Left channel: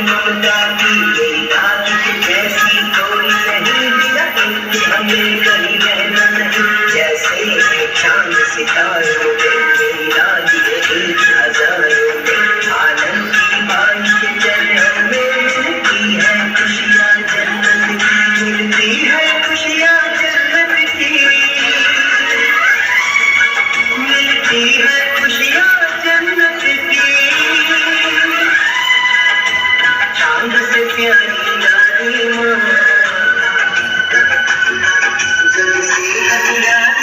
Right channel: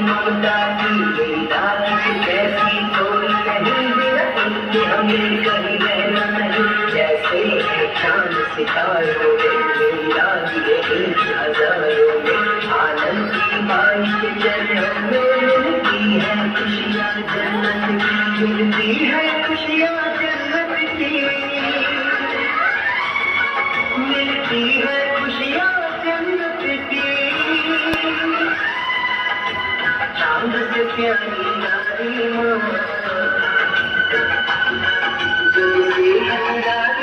ममता की गई रात जैसी कोई नहीं बिना इनके हमें कहीं रहना नहीं। जैसे चांद सितारों में मेरा ये एक हजारों में आनंद की माई के चरणों में मिलती है खुशियाँ जन्नत की, मिलती है खुशियाँ जन्नत की, मिलती है खुशियाँ जन्नत की। चांद से प्यारी यारी माँ, जैसी हथियार